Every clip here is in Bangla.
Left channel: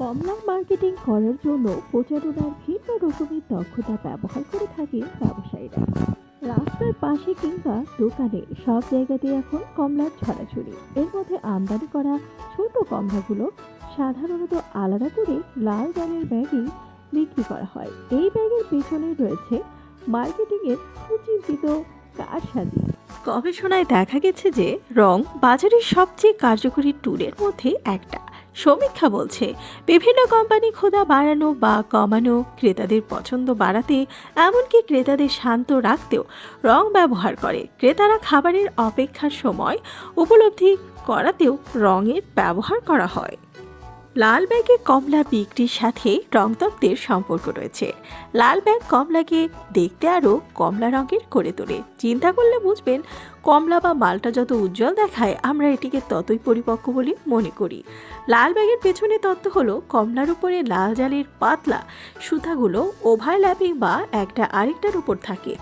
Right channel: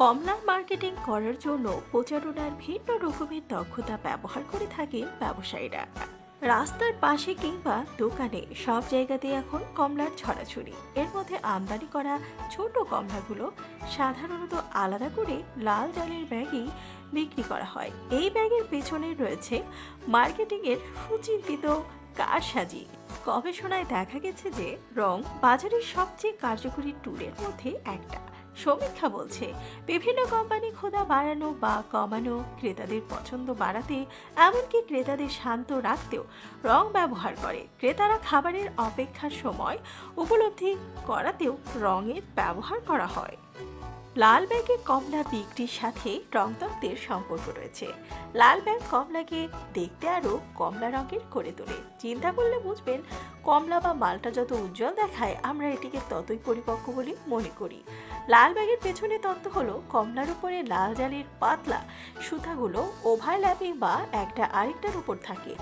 কমলার মার্কেটিং করার জন্য প্রচারণার ভিন্ন রকমের দক্ষতা ব্যবহার করে থাকেন ব্যবসায়ীরা। রাস্তার পাশে কিংবা দোকানে সব জায়গাতেই এখন কমলার ছড়াছড়ি। এর মধ্যে আমদানি করা ছোট কমলাগুলো সাধারণত আলাদা করে লাল জালের ব্যাগেই বিক্রি করা হয়। এই ব্যাগের পেছনে রয়েছে মার্কেটিংয়ের সুচিন্তিত কারসাজি। গবেষণায় দেখা গেছে যে রং বাজারের সবচেয়ে কার্যকরী টুলের মধ্যে একটা। সমীক্ষা বলছে, বিভিন্ন কোম্পানি খোদা বাড়ানো বা কমানো, ক্রেতাদের পছন্দ বাড়াতে, এমনকি ক্রেতাদের শান্ত রাখতেও রং ব্যবহার করে। ক্রেতারা খাবারের অপেক্ষার সময় উপলব্ধি করাতেও রঙের ব্যবহার করা হয়। লাল ব্যাগে কমলা বিক্রির সাথে রংতত্ত্বের সম্পর্ক রয়েছে। লাল ব্যাগ কমলাকে দেখতে আরও কমলা রঙের করে তোলে। চিন্তা করলে বুঝবেন, কমলা বা মালটা যত উজ্জ্বল দেখায়, আমরা এটিকে ততই পরিপক্ক বলে মনে করি। লাল ব্যাগের পেছনে তত্ত্ব হলো, কমলার উপরে লাল জালের পাতলা সুতাগুলো ওভারল্যাপিং বা একটা আরেকটার উপর থাকে।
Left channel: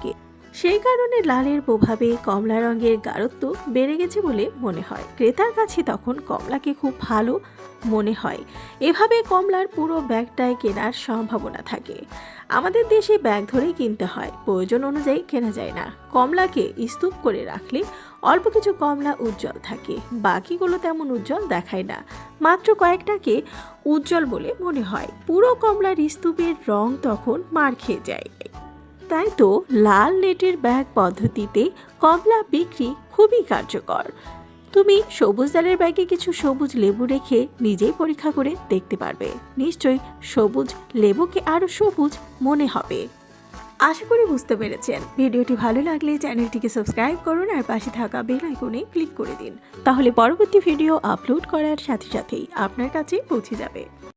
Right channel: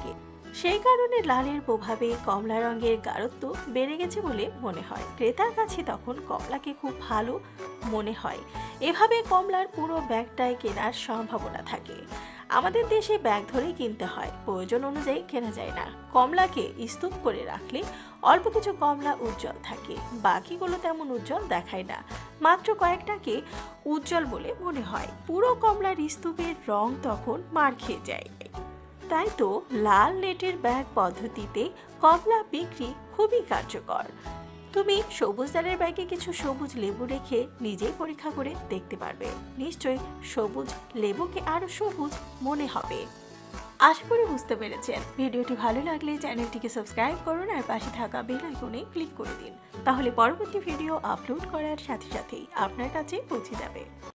সেই কারণে লালের প্রভাবে কমলা রঙের গাঢ়ত্ব বেড়ে গেছে বলে মনে হয়। ক্রেতার কাছে তখন কমলাকে খুব ভালো মনে হয়। এভাবে কমলার পুরো ব্যাগটায় কেনার সম্ভাবনা থাকে। আমাদের দেশে ব্যাগ ধরেই কিনতে হয়, প্রয়োজন অনুযায়ী কেনা যায় না। কমলাকে স্তূপ করে রাখলে অল্প কিছু কমলা উজ্জ্বল থাকে, বাকিগুলো তেমন উজ্জ্বল দেখায় না। মাত্র কয়েকটাকে উজ্জ্বল বলে মনে হয়। পুরো কমলার স্তূপের রং তখন মার খেয়ে যায়। তাই তো লাল নেটের ব্যাগ পদ্ধতিতে কমলা বিক্রি খুবই কার্যকর। তুমি সবুজ দালের ব্যাগে কিছু সবুজ লেবু রেখে নিজেই পরীক্ষা করে দেখতে পারবে। নিশ্চয়ই সবুজ লেবুকে আরও সবুজ মনে হবে। আশা করি বুঝতে পেরেছেন। ভিডিওটি ভালো লাগলে চ্যানেলটিকে সাবস্ক্রাইব করুন আর পাশে থাকা বেল আইকনে ক্লিক করে দিন। তাহলে পরবর্তী ভিডিও আপলোড করার সাথে সাথেই আপনার কাছে পৌঁছে যাবে।